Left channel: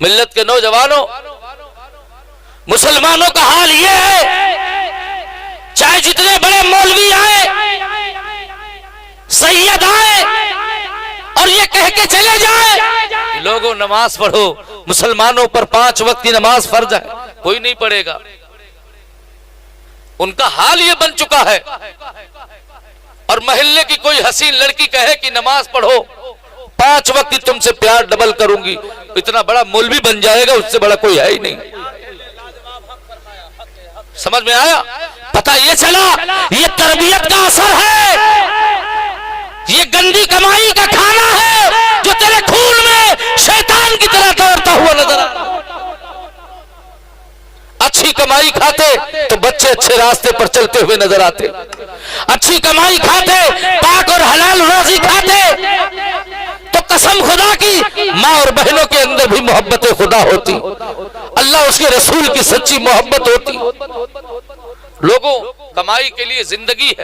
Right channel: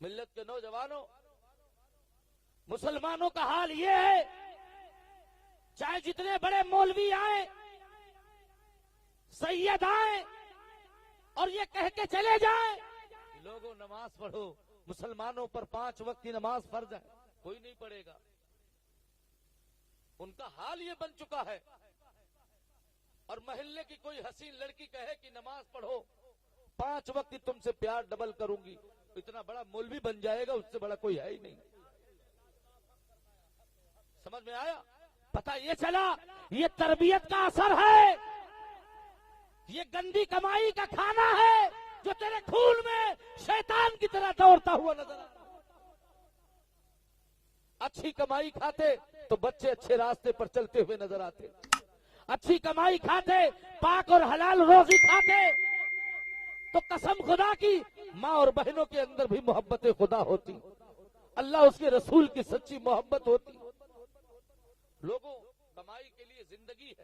मिल्लत के नौजवानों, मुसलमानों का हाल ये है, चाहे जितने बड़े मौलवी आए, सैयद आए और ये कह के चले जाए लोगों नमाज पढ़ो, मुसलमानों पर 5 वक्त की नमाज फर्ज है, कोई नहीं पढ़ेगा। उनका हाल ये बन चुका है। और मोहल्ले की कोई हसीन लड़की कहे कि नमाज पढ़ो, 5 वक्त की तुमसे प्यार डबल करूंगी, इतना बड़ा मौलवी बन जाएगा, उससे बड़ा कोई है ही नहीं। समझ में आया? पता ये चला ये तरबियत का असर है, ये गंदी कमाई का खाना है जो तेरे खून में शैतान की तरह दौड़ता हुआ नजर आता। अच्छी कमाई खाते तो बच्चे अच्छे रास्ते पर चलते हुए नजर आते, अच्छी कमाई खाते, पाक और हलाल रोजी खाते तो कसम खुदा की माँ और बहनों के अंदर भी मोहब्बत खुदा होती, अल्लाह उसके रसूल की सच्ची मोहब्बत होती। लोगों कमाई के लिए जिंदगी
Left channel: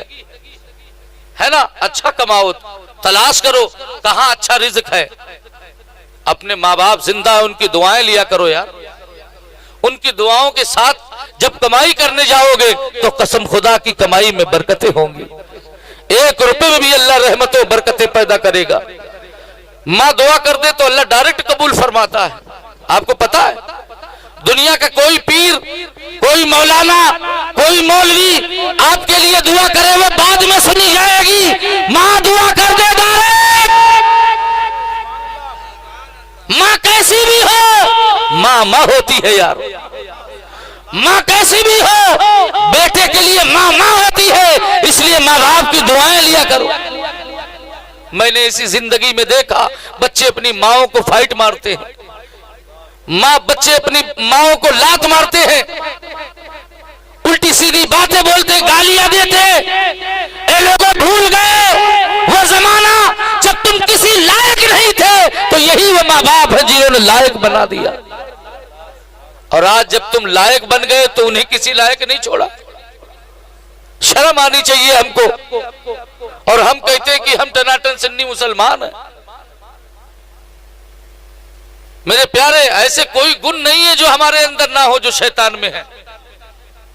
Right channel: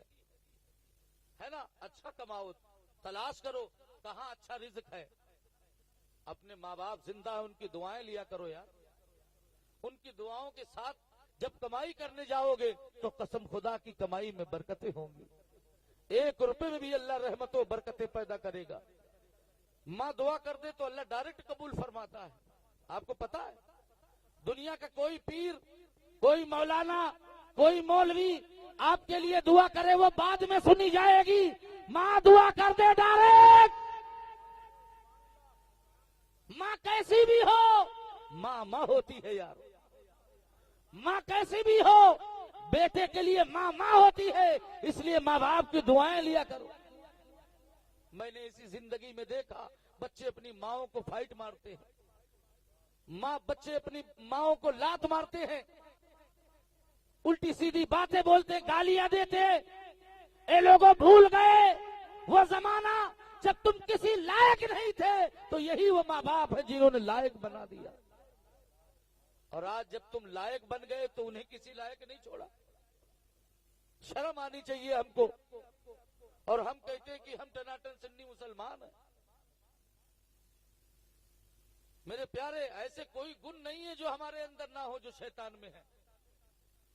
है ना, अच्छा कमाओ, तलाश करो कहां अच्छा रिज़्क है। अपने माँ बाप जिंदा है, उनकी दुआएं लिया करो यार। उनकी दुआओं के साथ जब कमाई करने जाओगे तो कसम खुदा की कमाई में बरकतें होंगी। 1 रुपए में भी अल्लाह रहमतों बरकतें पैदा करेगा। माँ दुआ कर दे तो अल्लाह डायरेक्ट कबूल फरमाता है। आपको पता है दुनिया का कोई पीर, कोई मौलाना, कोई मौलवी आपके लिए दुआ करे वो बाद में सुनी जाएगी। माँ दुआ कर दे डायरेक्ट, माँ कैसी भी हो, माँ माँ होती है यार। माँ कैसी भी हो, बेटे के लिए माँ माँ होती है, इसलिए माँ बाप की दुआएं लिया करो। मैंने इसी जिंदगी में देखा बच्चे अपनी माओं को फाइट मारते हैं, बच्चे अपनी माओं को लात मारते हैं, उल्टी सीधी बातें बोलते, गालियां देते। ये लोगों भूल गए वो जमाना जब तुम किसी लायक नहीं थे तो यही वो माँ बाप है जिन्होंने लायक बना दिया। और आज जब तुम लायक बन गए तो उन्हें किसी लायक नहीं छोड़ा। शर्म आनी चाहिए हमको। और हम कहते हैं कि हम टनाटन सुन्नी मुसलमान हैं। मेरे प्यारे, ऐसे कोई गुण नहीं है जो हमारे अंदर ना हो जो शैतान में है।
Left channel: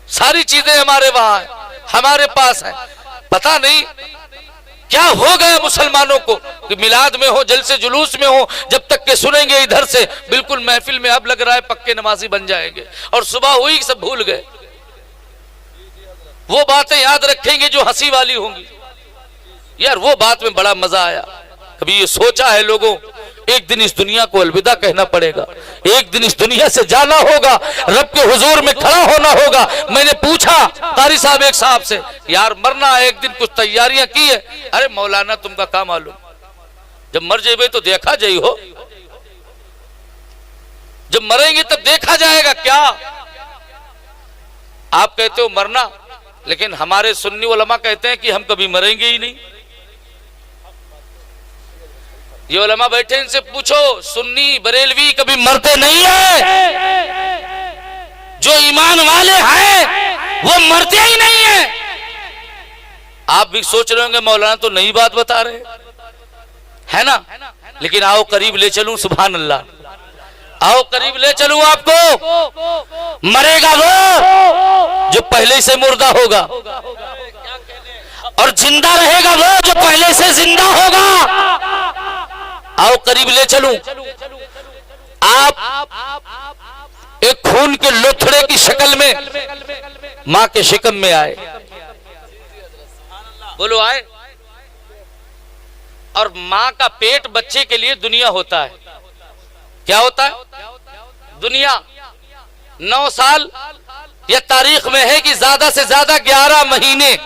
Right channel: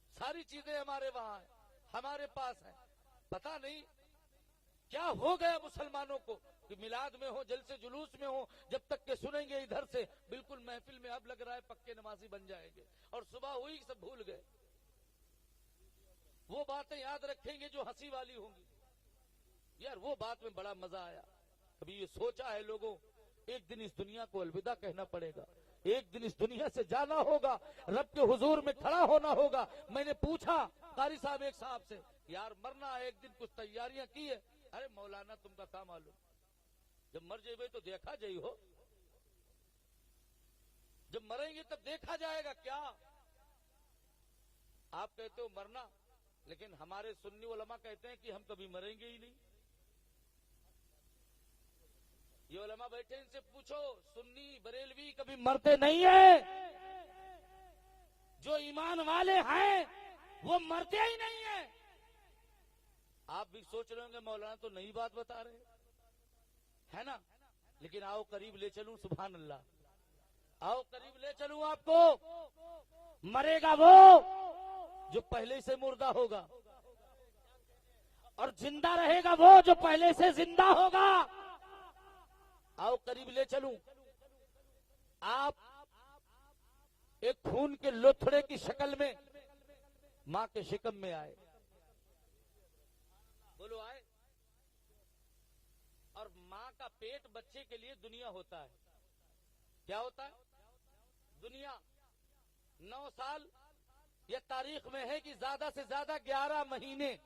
सारी चीजें हमारे वहां है, हमारे पास है। पता नहीं क्या हो गया मुसलमानों को कि मिलाद में हो, जलसे जुलूस में हो, जब तक के सुनेंगे इधर से बिल्कुल महफिल में अब लग रहा है पक्के नमाजी बन जाएंगे, और सुबह हुई सब भूल गए। वो बातें याद रखेंगे जो हंसी वाली होंगी। यार वो बात में बड़ा मजा आया। कभी ये सोचा है लोगों, एक दिन इस दुनिया को अलविदा कहना पड़ेगा, एक दिन इस दुनिया से जाना होगा, रब के हुजूर में खड़ा होना होगा। मैंने पूछा कारी साहब एक साहब से, यार मरना है एक दिन, कुछ तैयारियां की है? अरे मौलाना तुमका क्या मालूम, जब मर जाए तो देखा जाई हो, जब मरेंगे तब देखा जाएगा। क्या आप कहते हो मरना, लेकिन हमारे सुन्नी उलमा कहते हैं कि हम कभी मरेंगे ही नहीं। ये उलमा बैठे, इनसे पूछो सुन्नी बरेलवी कभी मरते नहीं है। जो ईमान वाले हैं वो मरते ही नहीं है। आप भी सोच रहे होंगे मौलाना तो नई बात बता रहे है ना, लेकिन आओ करीब ले चलूं। सुभान अल्लाह, आओ करीब ले चलूं आपको। मरेगा वो जो पहले से मुर्दा होगा, और जिंदा रहेगा वो जो पहले से जिंदा होगा। आओ करीब ले चलूं। आप एक खून के लोथड़े की शक्ल में मां के शिकम में आए, बोलो आए। और मां का पेट बच्चे के लिए दुनिया होता है। क्या होता है? दुनिया। 9 साल यह तारीख में है कि ज्यादा से ज्यादा 11 महीने,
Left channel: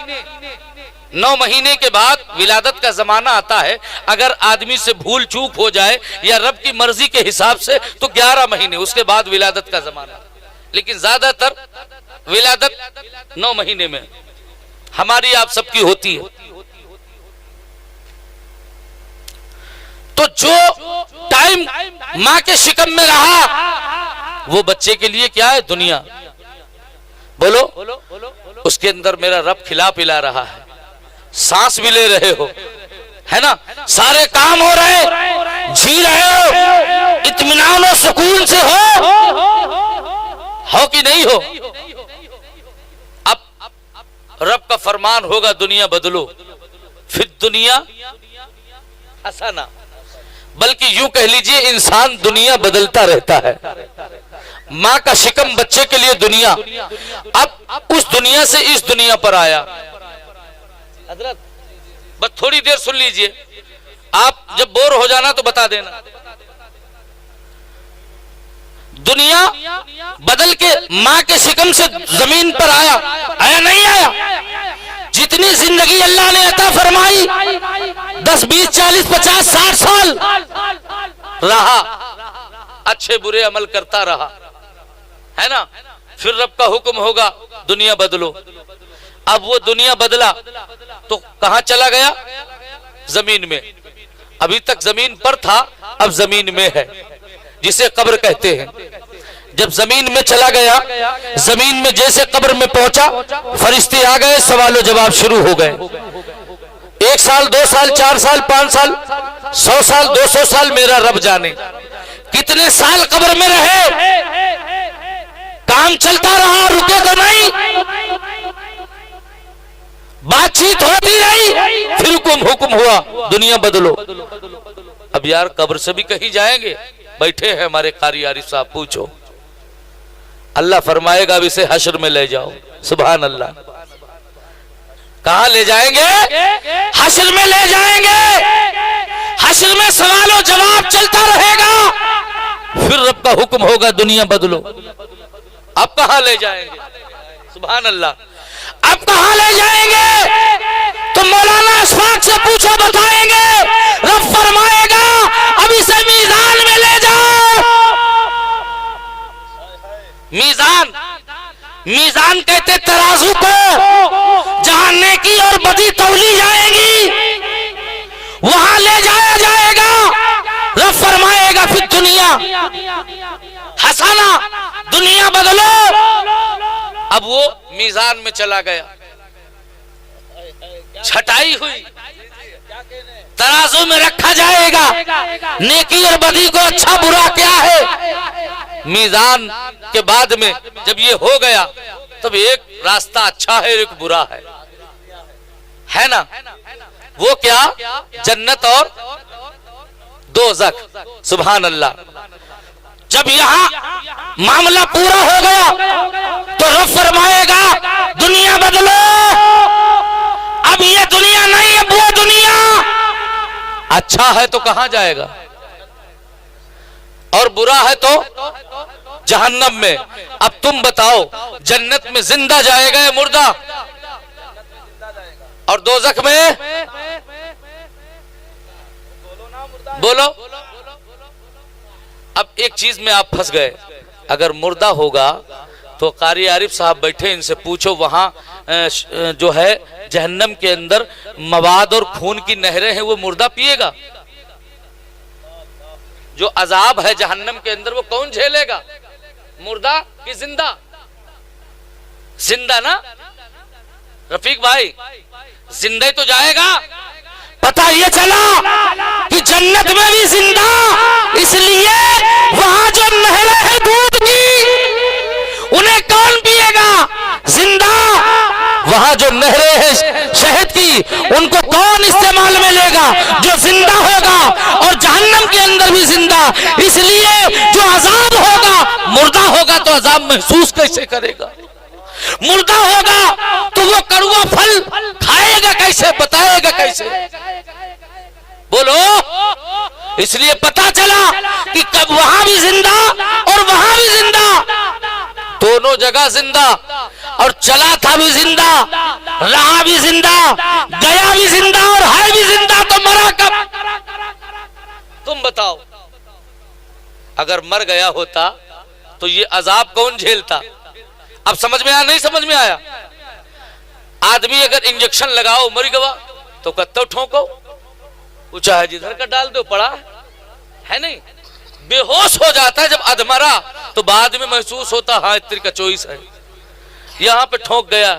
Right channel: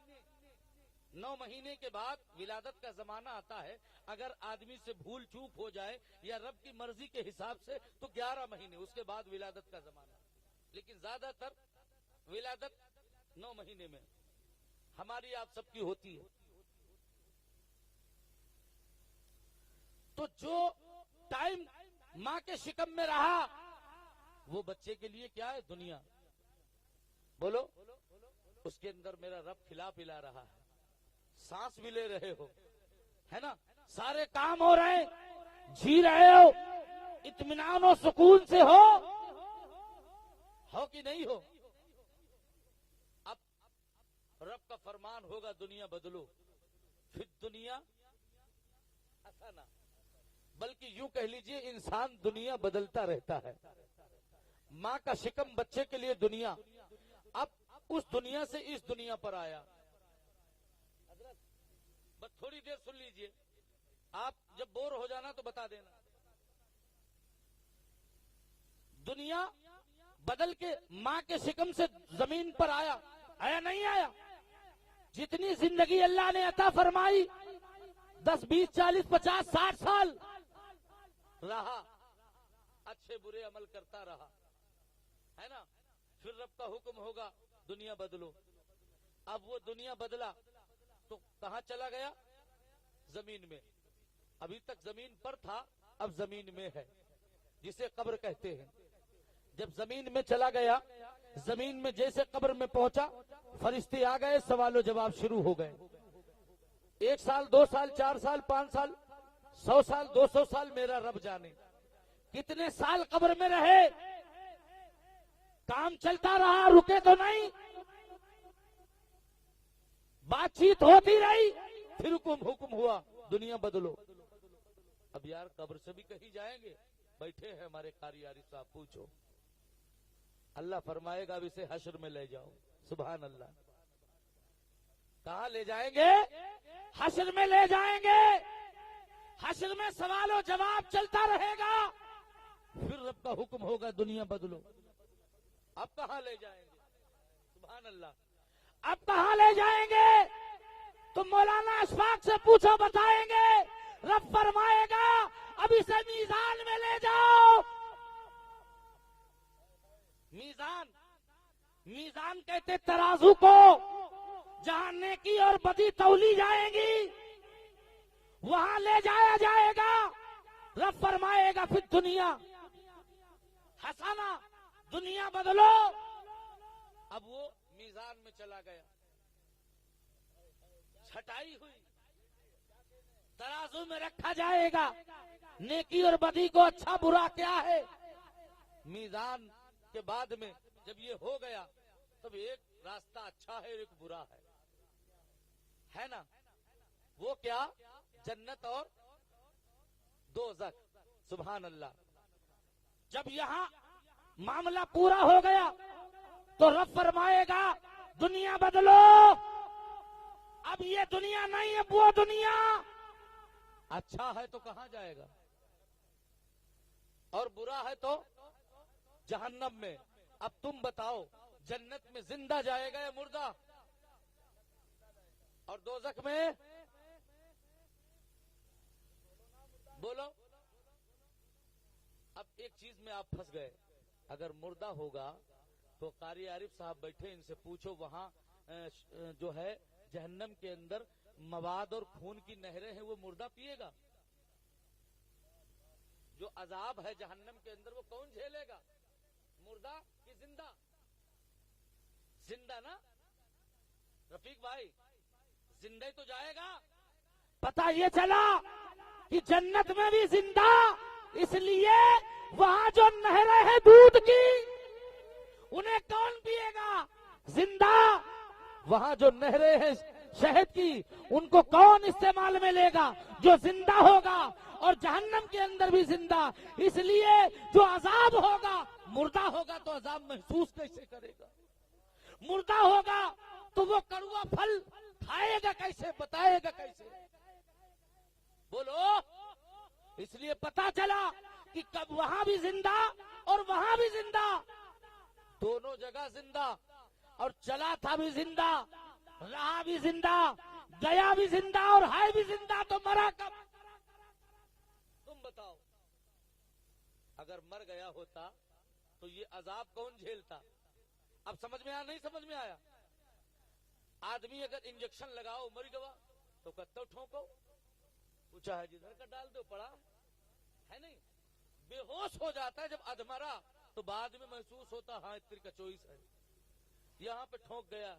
9 महीने के बाद विलादत का जमाना आता है। अगर आदमी से भूल चूक हो जाए या रब की मर्जी के हिसाब से तो 11 महीने, उसके बाद विलादत का जमाना। लेकिन ज्यादातर विलादत 9 महीने में हमारी आप सबकी होती है। तो जो टाइम मां के शिकम में रहा वो बच्चे के लिए क्या है? दुनिया। बोलो, उसके अंदर मेरा रब खिला पिला रहा है, सांस भी ले रहे हो, है ना, सारे काम हो रहे, जी रहे हो, इत्मीनान और सुकून से हो कि नहीं हो। अब रब का फरमान होगा दुनिया बदलो, फिर दुनिया हंसाना, बल्कि यूं कह लीजिए इंसान दुनिया बदलता रहता है। माँ का शिकम बच्चे के लिए दुनिया, अब उस दुनिया से इस दुनिया पर आया। हजरत बस थोड़ी देर सुन लीजिए, आप जब बोर हो जाना तो बता देना। दुनिया बदल के माँ के शिकम से जमीन पर आया, आया नहीं आया? जितनी जिंदगी अल्लाह ने अता फरमाई, 10, 20, 40, 50, 60 साल रहा, अच्छे बुरे अमल करता रहा, है ना। फिर रब का हुक्म होगा दुनिया बदलो। अब वो दुनिया बदला तो कहां चला गया? जमीन में। अभी तक जमीन पर था, अब जमीन में है, जिसे कब्र कहते हैं। जब जमीन में चला गया, जमीन में जैसे कब्र में पहुंचा, फरिश्ते आ गए, सवाल जवाब शुरू हो गए। 1 साल, 2 साल, 4 साल, 5 साल, 100 साल, 200 साल, मेरा रब जाने कितने साल कब्र में रहे। काम चलता रहा, रुके तो नहीं, बातचीत होती रही, फिर हुक्म हुआ दुनिया बदलो। अब यार कब्र से भी कहीं जाएंगे, बैठे हैं हमारे कारी आरिफ साहब, पूछो। अल्लाह फरमाएगा अब इसे हश्र में ले जाओ। सुभान अल्लाह। कहां ले जाएंगे? हश्र में ले जाएंगे। हश्र में सवालों जवाब चलता रहेगा, फिर रब का हुक्म होगा दुनिया बदलो। अब कहां ले जाएंगे? सुभान अल्लाह। अब कहां ले जाएंगे? तो मौलाना अशफाक से पूछो, बताएंगे। रब फरमाएगा अब इसे मीजान में ले जाओ। मीजान, मीजान कहते तराजू को, जहां नेकी और बदी तौली जाएंगी, वहां ले जाया जाएगा। रब फरमाएगा फिर दुनिया हंसाना, दुनिया बदलो। अब वो मीजान में चला गया, छटाई हुई, तराजू में रखा जाएगा। नेकी और बदी को अच्छा बुरा क्या है। मीजान के बाद में जब ये हो गया, तब एक रास्ता अच्छा है, एक बुरा है ना। वो क्या? जन्नत और दोज़ख। सुभान अल्लाह। जब यहाँ मामला पूरा हो गया तो रब फरमाएगा दुनिया बदलो। अब ये दुनिया नहीं, अब वो दुनिया। अच्छा है तो कहां जाएगा, और बुरा है तो जहन्नम में। अब तुम बताओ, जन्नत में जिंदा जाएगा या मुर्दा? और दोज़ख में बोलो। अब एक चीज में आप फंस गए, अगर मुर्दा होगा तो कारी आरिफ साहब बैठे, इनसे पूछो वहां जो है जहन्नम के अंदर मवाद और खून की नहरें हैं, वो मुर्दा पिएगा? जो अजाब है जहन्नम के अंदर वो कौन झेलेगा? मुर्दा कि जिंदा? जिंदा ना रफीक भाई, जिंदा ही तो जाएगा। पता ये चला कि जन्नत में भी जिंदा, इसलिए वहां जो नहरें हैं दूध की, उन्हें कौन पिएगा? जिंदा। वहां जो नहरें हैं शहद की, उनको कौन इस्तेमाल में लेगा? जो जिंदा होगा। और जहन्नम के अंदर भी जिंदा, इसलिए जो अजाब होगा, मुर्दा होगा तो अजाब महसूस कैसे करेगा? मुर्दा होगा तो वो कड़वा फल खाएगा कैसे, बताएगा कैसे? बोलो। इसलिए पता चला कि कब वहां भी जिंदा और वहां भी जिंदा, दोनों जगह जिंदा। और चला था भी जिंदा, रहा भी जिंदा, गया भी जिंदा और है भी जिंदा, तो मरा कब? तुम बताओ। अगर मर गया होता तो ये अजाब कौन झेलता? अब समझ में आया? नहीं समझ में आया? आदमी अगर इंजेक्शन लगाओ मर गया तो कत्तो ठोको, चाहे जिधर का डाल दो, पड़ा है नहीं। बेहोश हो जाता है जब अधमरा, तो बाद में महसूस होता हाँ इतनी का चॉइस है, यहाँ पे ठोक गया,